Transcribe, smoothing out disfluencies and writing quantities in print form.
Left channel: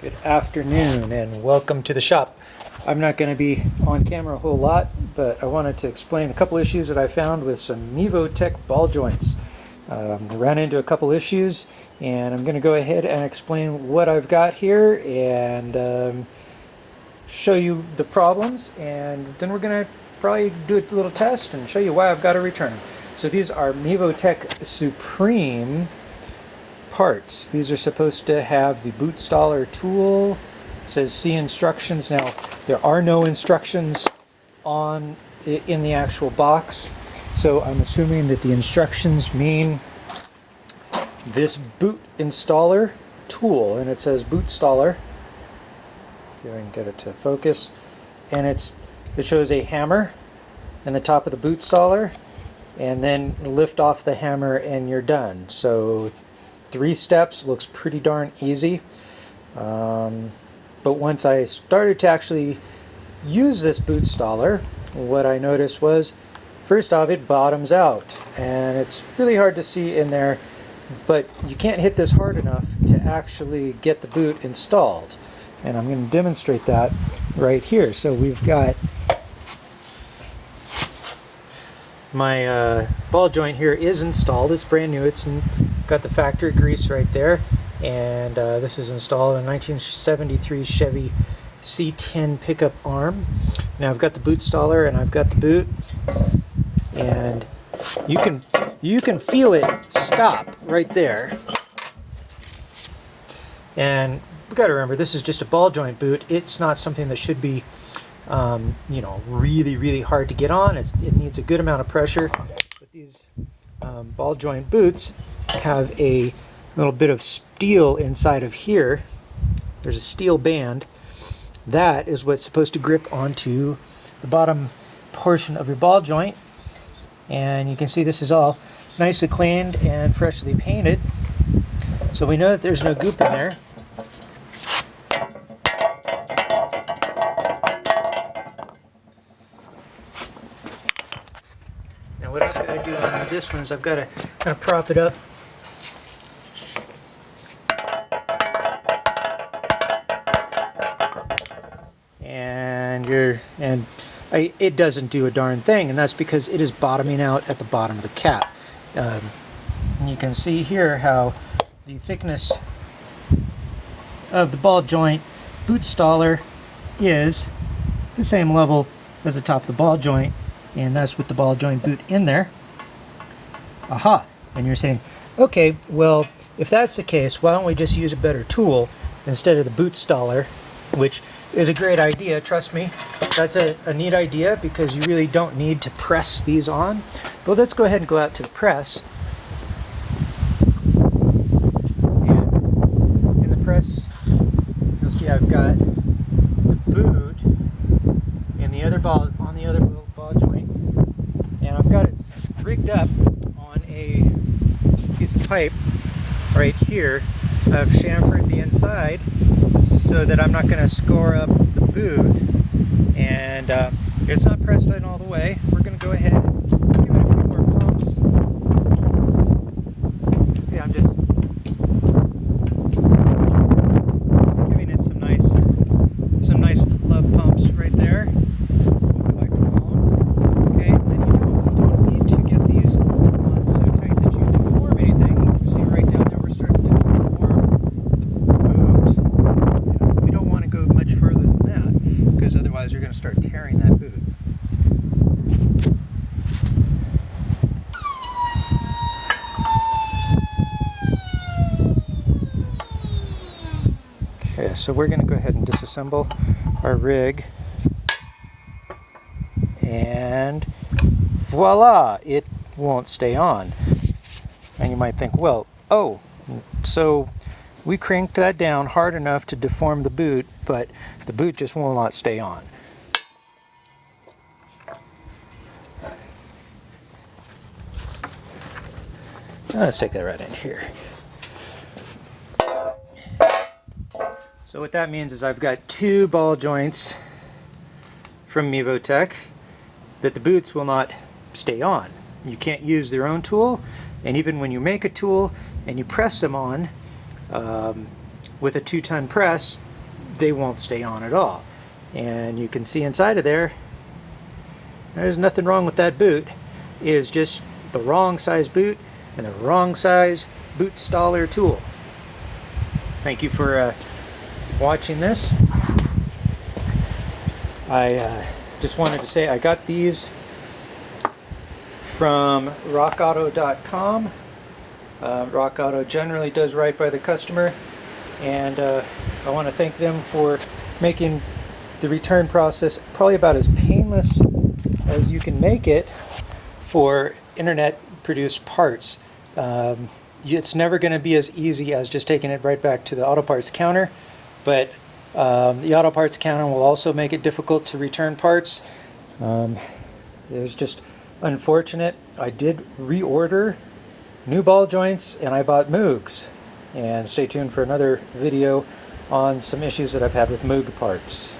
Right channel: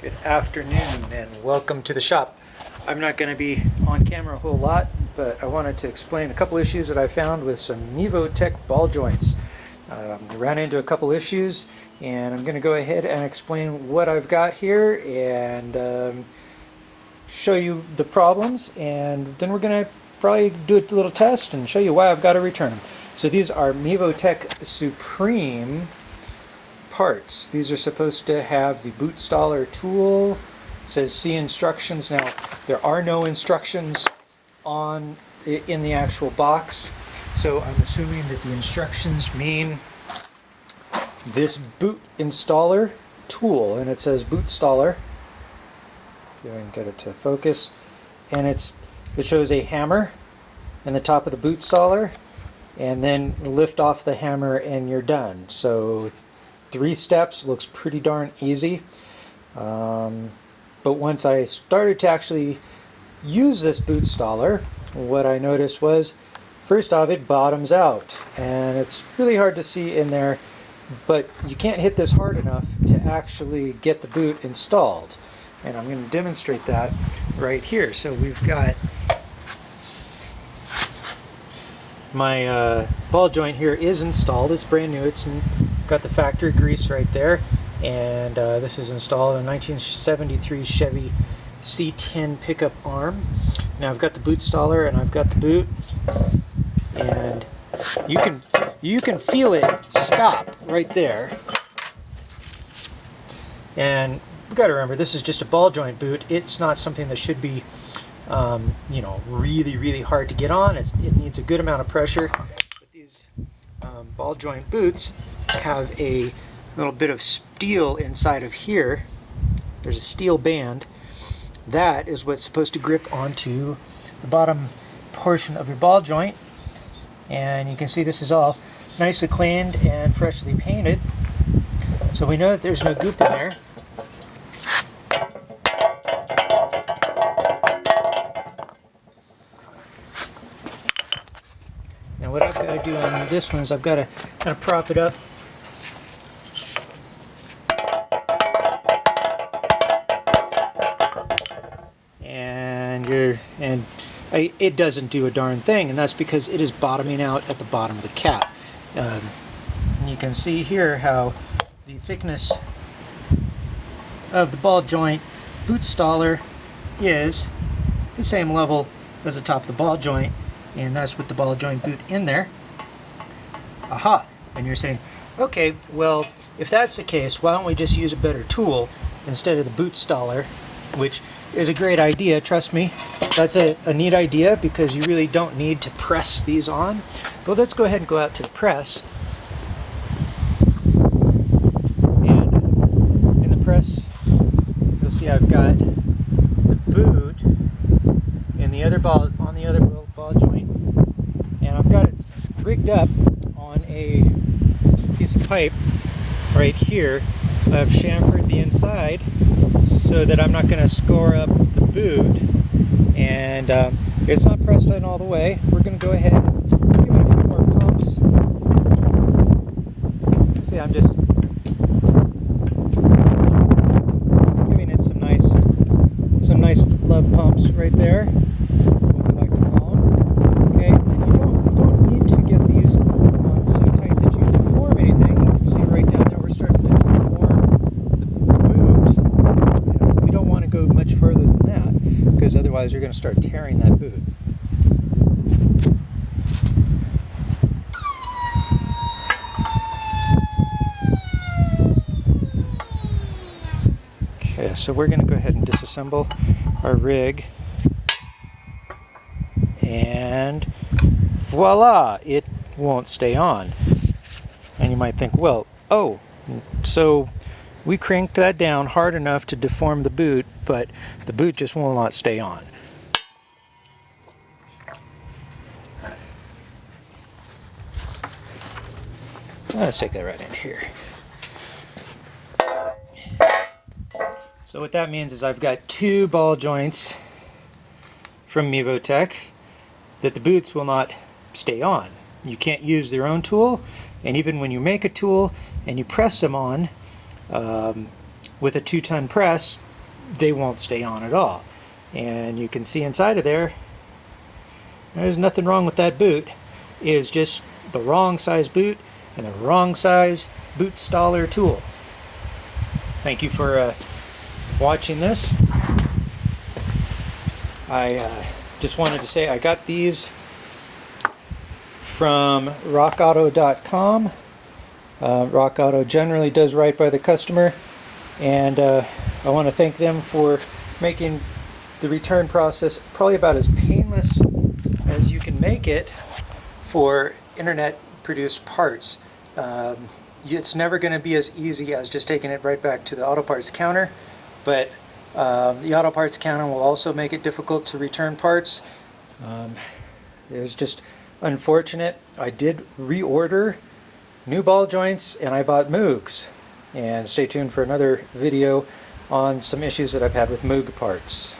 Good afternoon and welcome to the shop. I'm not going to be on camera a whole lot, but I wanted to explain a couple issues that I found with some Mevotech ball joints. I ran into a couple issues and I'm going to go ahead and explain what I've got here and show you the problems, and then we're going to probably do a little test and show you why I've got to return them. So these are Mevotech Supreme parts. These are supposed to have the Bootstaller Tool. It says see instructions. Now there are no instructions in the actual box, so I'm assuming that the instructions mean this boot installer tool, and it says Bootstaller. See if I can get it to focus, and it shows a hammer in the top of the Bootstaller, and then lift off the hammer and you're done. So 3 steps, looks pretty darn easy. But once I started to actually use this Bootstaller, what I noticed was, first off, it bottoms out, and it's really hard to see in there, but you can't hit this hard enough to actually get the boot installed. And I'm going to demonstrate that right here. So we've got my ball joint here is installed. It's brand new. It's got the factory grease right there, and this is installed in a 1973 Chevy C10 pickup arm. Now I've got the Bootstaller and I've got the boot, and you can feel it stop right there. And we've got to remember, this is just a ball joint boot. It's not something that should be really hard to get on. It needs a good amount of pressure. But these ball joint boots have a little bit of steel inside of here. There's a steel band. That is what's supposed to grip onto the bottom portion of your ball joint. And you can see this is all nicely cleaned and freshly painted. So we know that there's no goop in there. Now what I've got to do on this one is I've got to kind of prop it up. And it doesn't do a darn thing, and that's because it is bottoming out at the bottom of the cap. And you can see here how the thickness of the ball joint Bootstaller is the same level as the top of the ball joint, and that's with the ball joint boot in there. Aha! And you're saying, okay, well, if that's the case, why don't we just use a better tool instead of the Bootstaller, which is a great idea, trust me. That's a neat idea, because you really don't need to press these on. But let's go ahead and go out to the press. And in the press, you'll see I've got the boot in the other ball, on the other ball joint, and I've got it rigged up on a piece of pipe right here. I've chamfered the inside so that I'm not going to score up the boot, and it's not pressed in all the way. We're going to go ahead and give it a few more pumps. You can see I'm just giving it some nice love pumps right there. Okay, and you don't need to get these on so tight that you deform anything. You can see right down there we're starting to deform the boot. You don't want to go much further than that, because otherwise you're going to start tearing that boot. Okay, so we're going to go ahead and disassemble our rig, and voila, it won't stay on. And you might think, well, oh, so we cranked that down hard enough to deform the boot, but the boot just will not stay on. Let's take that right in here. So what that means is I've got 2 ball joints from Mevotech that the boots will not stay on. You can't use their own tool, and even when you make a tool and you press them on with a 2-ton press, they won't stay on at all. And you can see inside of there, there's nothing wrong with that boot. It is just the wrong size boot and the wrong size Bootstaller tool. Thank you for watching this. I just wanted to say I got these from rockauto.com. Rock Auto generally does right by the customer, and I want to thank them for making the return process probably about as painless as you can make it for internet produced parts. It's never going to be as easy as just taking it right back to the auto parts counter, but the auto parts counter will also make it difficult to return parts. It was just unfortunate. I did reorder new ball joints and I bought Moogs, and stay tuned for another video on some issues that I've had with Moog parts.